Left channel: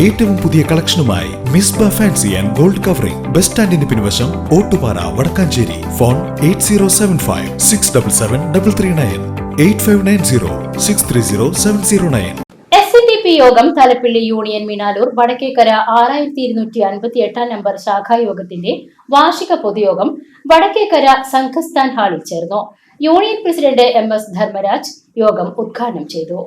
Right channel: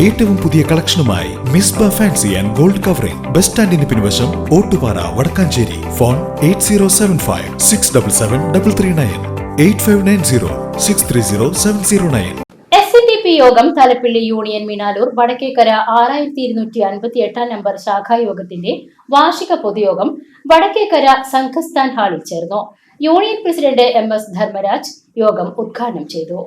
ഏറ്റവും പുതിയ കളക്ഷനുമായി Misba fancy and gold covering. Bus സ്റ്റാൻഡിന് പിൻവശം Ottupara Vadakkanchery. Phone eight zero seven five six double seven double three nine. Eight five nine zero six three zero seven zero nine. S P യോഗം Thalappilly union മീനാലൂർ Vadakkekara ആറായിരത്തി ഇരുന്നൂറ്റി അൻപത്തി എട്ടാം number ശാഖായോഗത്തിന്റെ വാർഷിക പൊതുയോഗം വടക്കേക്കര സംഘസ്ഥാൻ ഹാളിൽ ചേർന്നു. Union president M S Dharmaraj യോഗം ഉദ്ഘാടനം ചെയ്തു.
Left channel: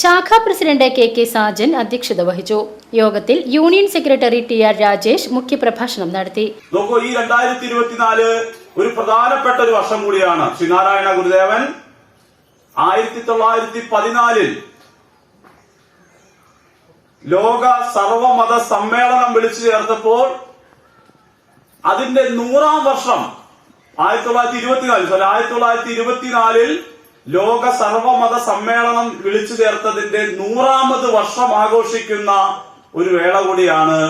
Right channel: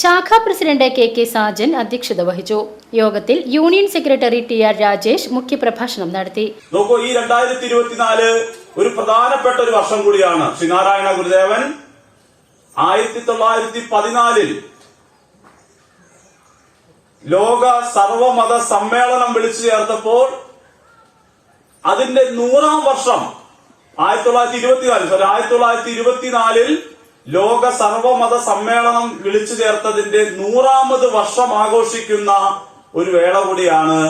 ശാഖാ പ്രസിഡന്റ് കെ കെ സാജൻ അധ്യക്ഷത വഹിച്ചു. യോഗത്തിൽ union secretary T R Rajesh മുഖ്യപ്രഭാഷണം നടത്തി. നോക്കൂ ഈ രണ്ടായിരത്തി ഇരുപത്തിനാല് ഒരു പ്രധാനപ്പെട്ട ഒരു വർഷം കൂടിയാണ്. ശ്രീനാരായണ ഗുരുദേവൻ ആയിരത്തി തൊള്ളായിരത്തി പതിനാലിൽ ലോക സർവമത സമ്മേളനം വിളിച്ചു ചേർത്തപ്പോൾ അതിന്റെ നൂറാം വർഷം ആയിരത്തി തൊള്ളായിരത്തി ഇരുപത്തിനാല് സോറി ആയിരത്തി തൊള്ളായിരത്തി ഇരുപത്തിനാലിൽ ലോക സർവമത സമ്മേളനം വിളിച്ചു ചേർത്തതിന്റെ നൂറാമത് വർഷം ആഘോഷിക്കുന്ന ഒരു വേള കൂടിയാണ്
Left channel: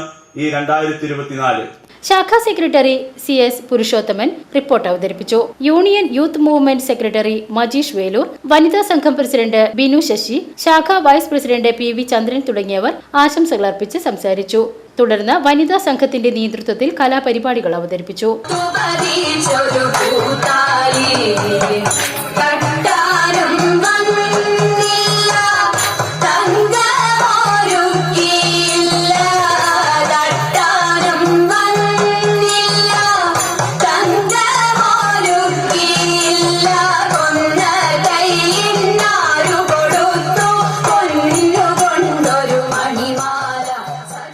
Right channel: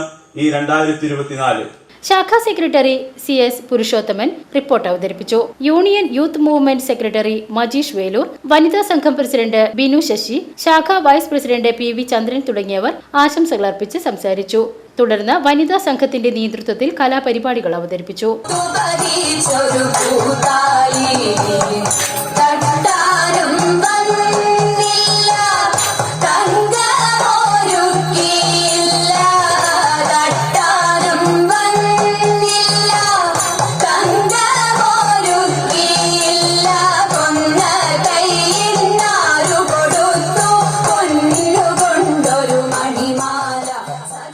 ഈ രണ്ടായിരത്തി ഇരുപത്തിനാല് ശാഖാ secretary C S Purushothaman report അവതരിപ്പിച്ചു. Union youth movement secretary Majeesh Velur വനിതാ സംഘം പ്രസിഡന്റ് ബിനു ശശി ശാഖാ vice president P V Chandran തുടങ്ങിയവർ ആശംസകൾ അർപ്പിച്ച് സംസാരിച്ചു. തുടർന്ന് വനിതാ സംഘത്തിന്റെ നേതൃത്വത്തിൽ കലാപരിപാടികൾ അവതരിപ്പിച്ചു.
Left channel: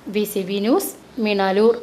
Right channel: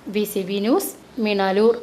V C B news Meenaloor